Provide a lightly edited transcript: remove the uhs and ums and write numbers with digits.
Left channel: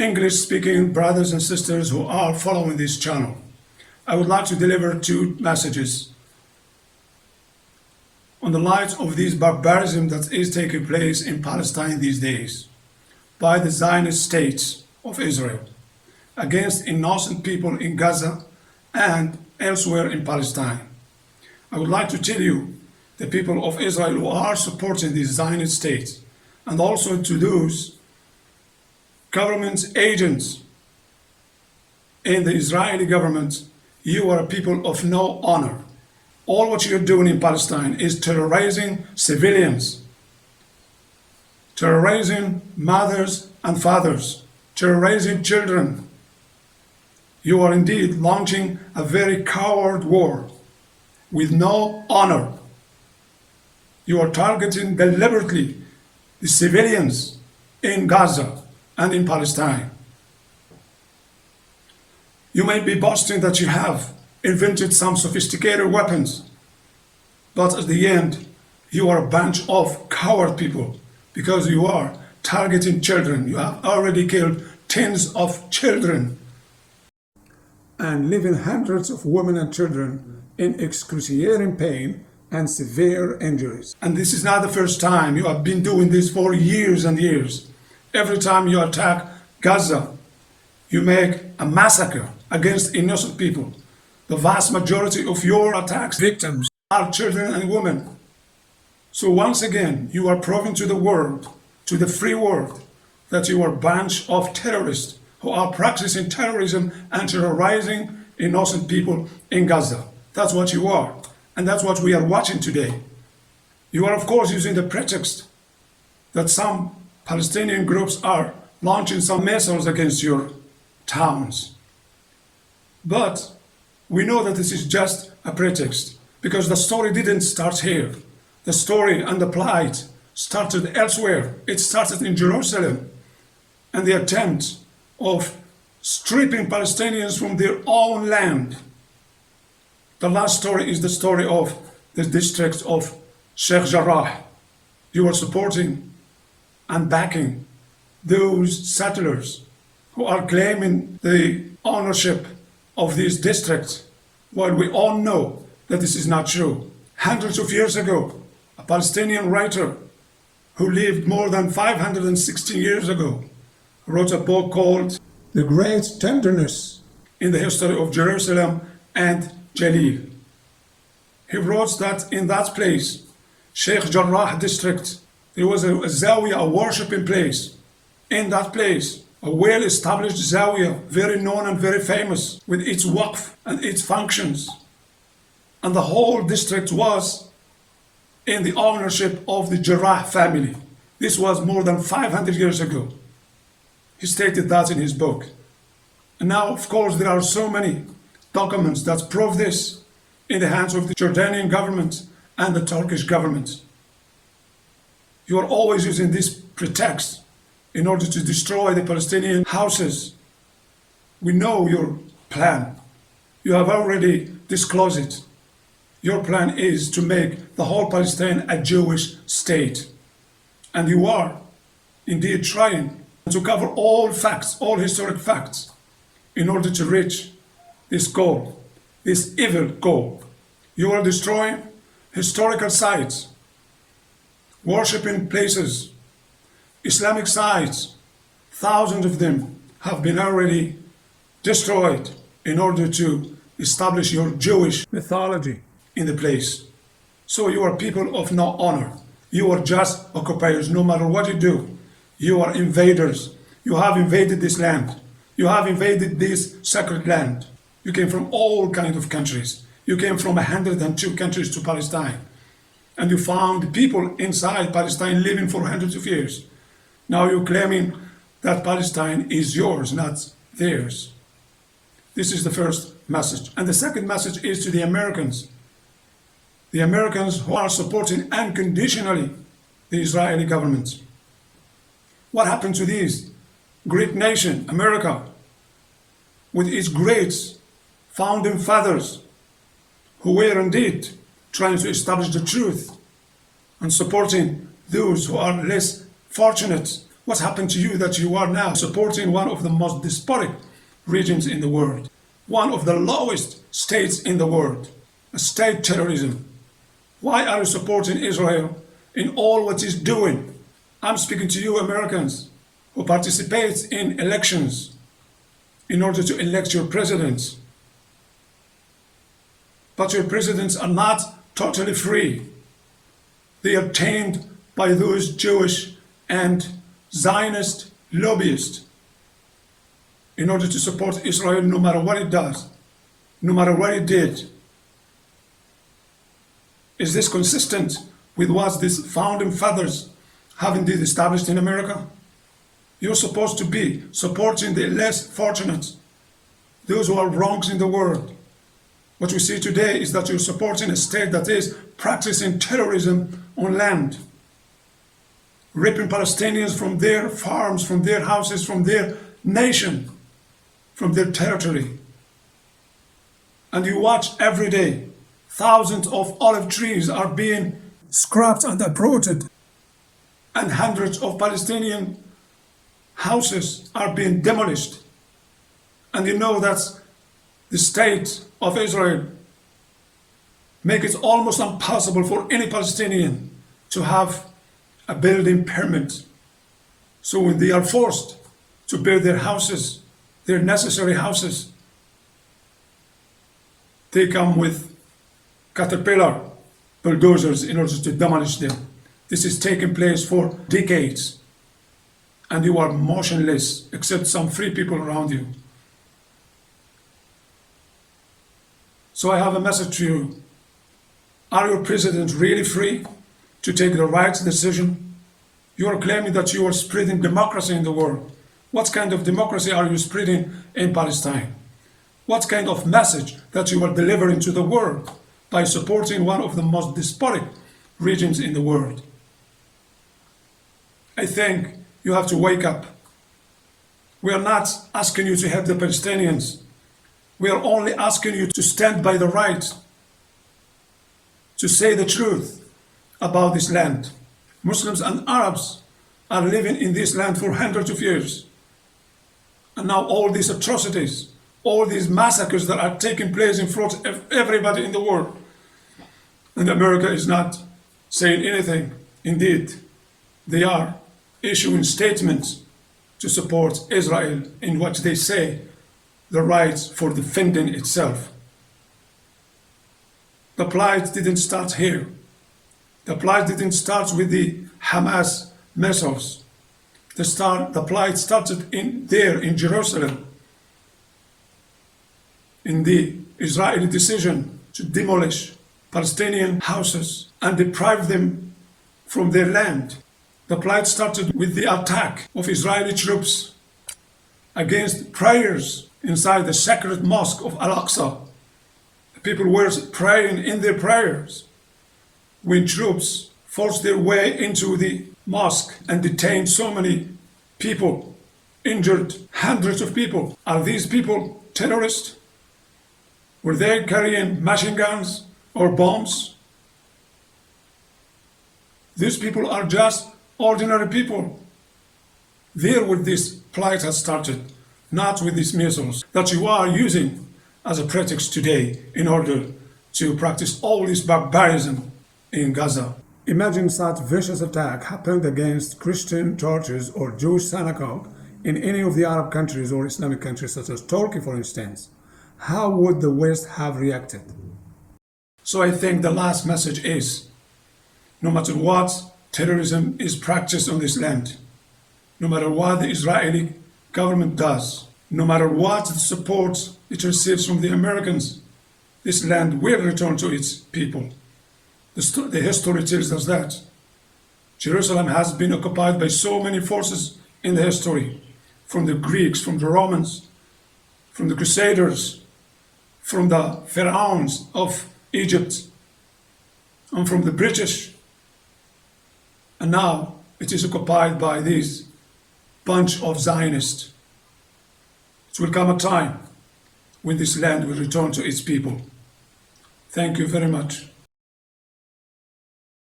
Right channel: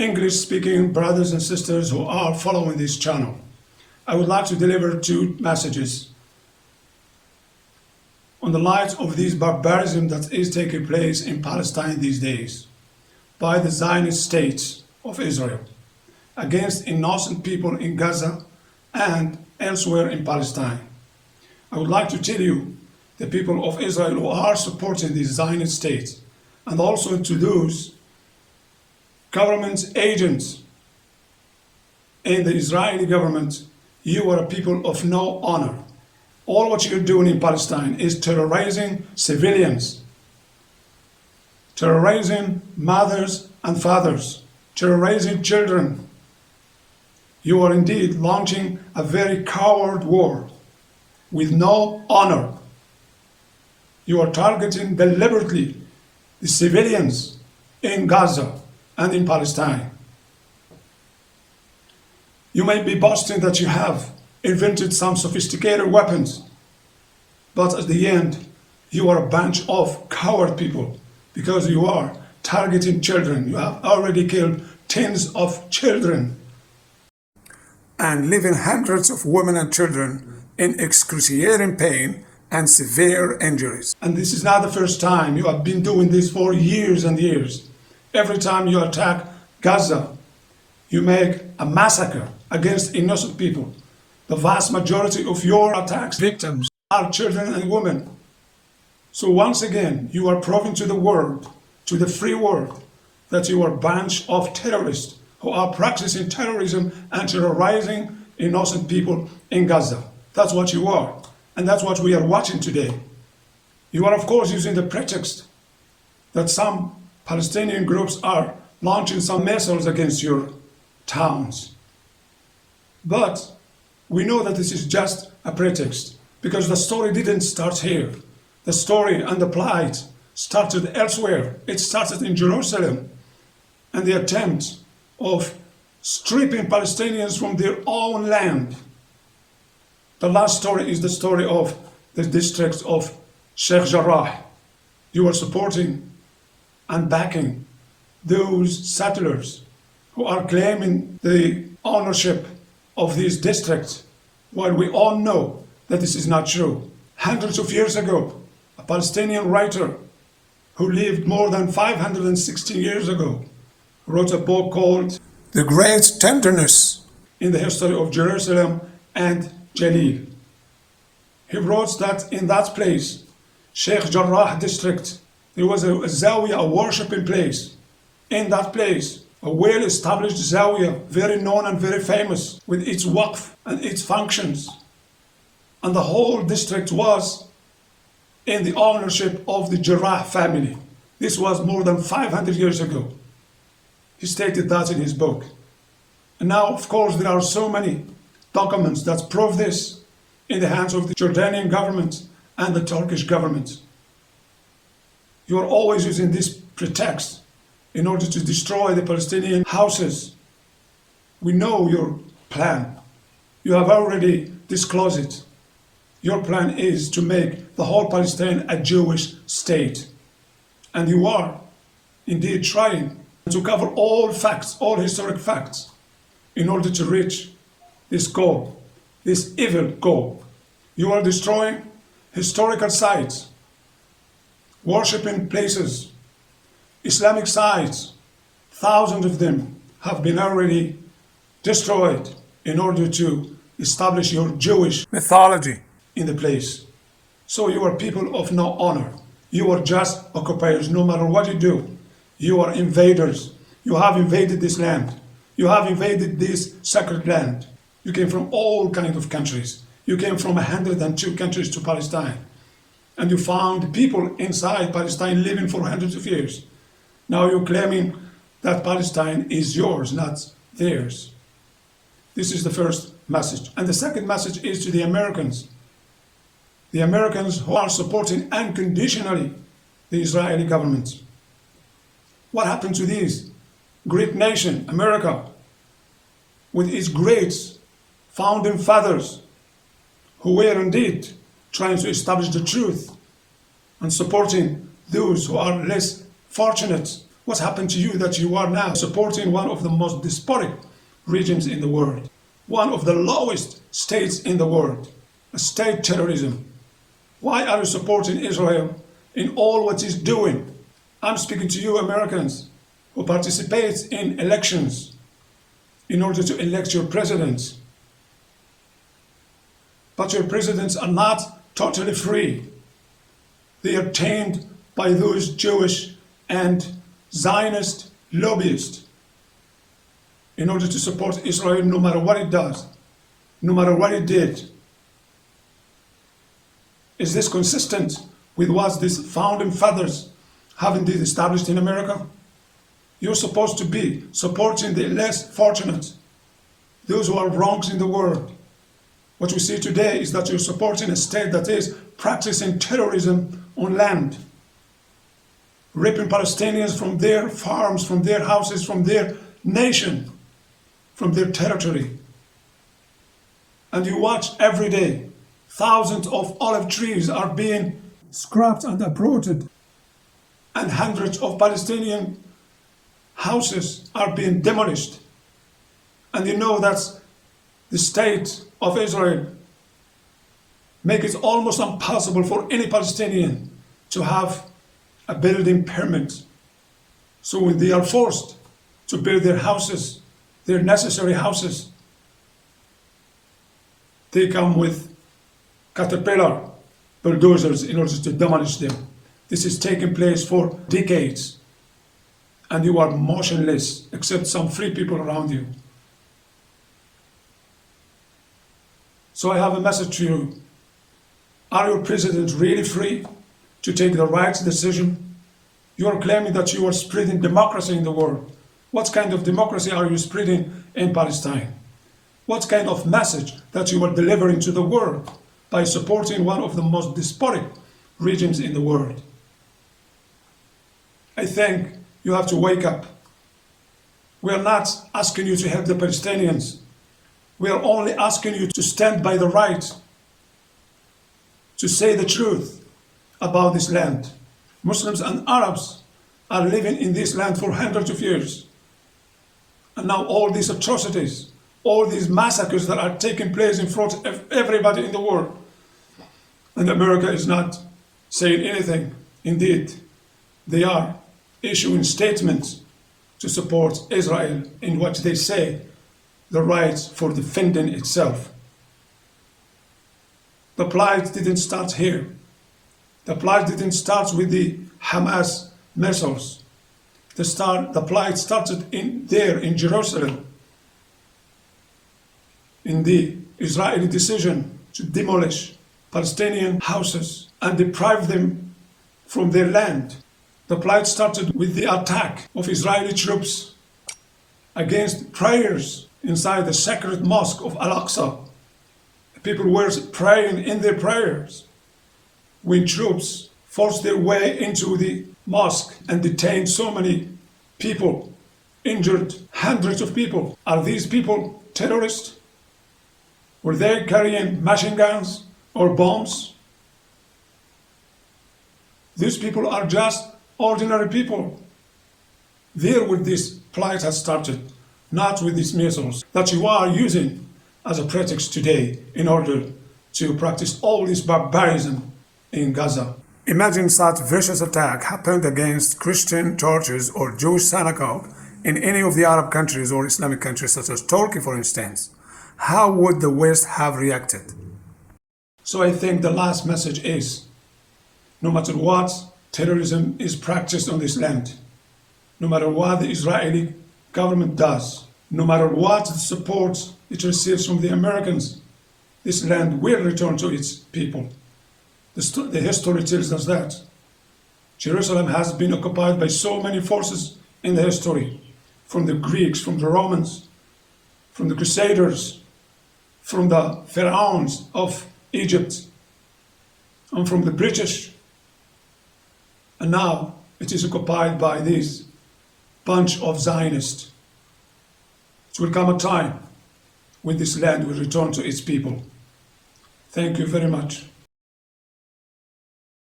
English-speaking brothers and sisters who are following this channel. I would like to deliver two messages on the light of this barbarism that is taking place in Palestine these days by the Zionist state of Israel against innocent people in Gaza and elsewhere in Palestine. I would like to tell you, the people of Israel who are supporting this Zionist state, and also to those government agents in the Israeli government, you are people of no honor. All what you're doing in Palestine is terrorizing civilians, terrorizing mothers and fathers, terrorizing children. You are indeed launching a very coward war with no honor. You are targeting deliberately the civilians in Gaza and in Palestine. You may be boasting that you have invented some sophisticated weapons, but at the end, you are a bunch of coward people because you are targeting children. You have already killed tens of children and leaving hundreds of women and children in excruciating pain and severe injuries. And this is not the first time. You have been doing this for years and years. Every time you attack Gaza, you make a massacre against innocent people. The vast majority of your attacks victims are children and women. So once again, you are proving to the world, to the free world, that you are a bunch of terrorists who are practicing terrorism and terrorizing innocent people in Gaza. That's what you are. And that's what we are watching today. You are, of course, using the pretext that some Palestinian groups are launching some missiles against your towns. But we know that this is just a pretext because the story didn't start here. The story and the plight started elsewhere. It started in Jerusalem and the attempt of stripping Palestinians from their own land. The last story is the story of the district of Sheikh Jarrah. You are supporting and backing those settlers who are claiming the ownership of this district, while we all know that this is not true. Hundreds of years ago, a Palestinian writer who lived more than 516 years ago wrote a book called The Great Tenderness in the History of Jerusalem and Jalil. He wrote that in that place, Sheikh Jarrah district, there was a zawiya, a worshipping place. In that place, a well-established zawiya, very known and very famous, with its waqf and its functions. And the whole district was in the ownership of the Jarrah family. This was more than 500 years ago. He stated that in his book. And now, of course, there are so many documents that prove this in the hands of the Jordanian government and the Turkish government. You are always using this pretext in order to destroy the Palestinian houses. We know your plan. You have already disclosed it. Your plan is to make the whole Palestine a Jewish state. And you are indeed trying to cover all facts, all historic facts, in order to reach this goal, this evil goal. You are destroying historical sites, worshipping places, Islamic sites. Thousands of them have been already destroyed in order to establish your Jewish mythology in the place. So you are people of no honor. You are just occupiers, no matter what you do. You are invaders. You have invaded this land. You have invaded this sacred land. You came from all kinds of countries. You came from 102 countries to Palestine. And you found people inside Palestine living for hundreds of years. Now you're claiming that Palestine is yours, not theirs. This is the first message. And the second message is to the Americans. The Americans who are supporting unconditionally the Israeli government. What happened to this great nation, America, with its great founding fathers who were indeed trying to establish the truth and supporting those who are less fortunate, What's happened to you that you are now supporting one of the most despotic regimes in the world, one of the lowest states in the world, state terrorism? Why are you supporting Israel in all what it's doing? I'm speaking to you Americans who participate in elections in order to elect your presidents. But your presidents are not totally free. They are tamed by those Jewish and Zionist lobbyists in order to support Israel no matter what it does, no matter what it did. Is this consistent with what these founding fathers have indeed established in America? You're supposed to be supporting the less fortunate, those who are wrongs in the world. What we see today is that you're supporting a state that is practicing terrorism on land, ripping Palestinians from their farms, from their houses, from their nation, from their territory. And you watch every day, thousands of olive trees are being scrapped and uprooted, and hundreds of Palestinian houses are being demolished. And you know that the state of Israel make it almost impossible for any Palestinian to have a building permit. So when they are forced to build their houses, their necessary houses, they come with caterpillar bulldozers in order to demolish them. This is taking place for decades, and you are motionless except some free people around you. So I have a message to you. Are your presidents really free to take the right decision? You are claiming that you are spreading democracy in the world. What kind of democracy are you spreading in Palestine? What kind of message that you are delivering to the world by supporting one of the most despotic regions in the world? I think you have to wake up. We are not asking you to help the Palestinians. We are only asking you to stand by the right, to say the truth about this land. Muslims and Arabs are living in this land for hundreds of years. And now all these atrocities, all these massacres that are taking place in front of everybody in the world. And America is not saying anything. Indeed, they are issuing statements to support Israel in what they say the rights for defending itself. The plight didn't start here. The plight didn't start with the Hamas missiles. The plight started there in Jerusalem, in the Israeli decision to demolish Palestinian houses and deprive them from their land. The plight started with the attack of Israeli troops against prayers inside the sacred mosque of Al-Aqsa. People were praying in their prayers when troops forced their way into the mosque and detained so many people, injured hundreds of people. Are these people terrorists? Were they carrying machine guns or bombs? These people are just ordinary people. There where this plight has started, not with these missiles that you are using as a pretext today in order to practice all this barbarism in Gaza. Imagine such vicious attack happened against Christian churches or Jewish synagogue in any of the Arab countries or Islamic countries such as Turkey, for instance. How would the West have reacted? So I think the last message is, no matter what terrorism is practiced on this land, no matter what the Israeli government does, no matter what support it receives from the Americans, this land will return to its people. The history tells us that. Jerusalem has been occupied by so many forces in the history, from the Greeks, from the Romans, from the Crusaders, from the pharaohs of Egypt, and from the British. And now it is occupied by these bunch of Zionists. It will come a time when this land will return to its people. Thank you very much.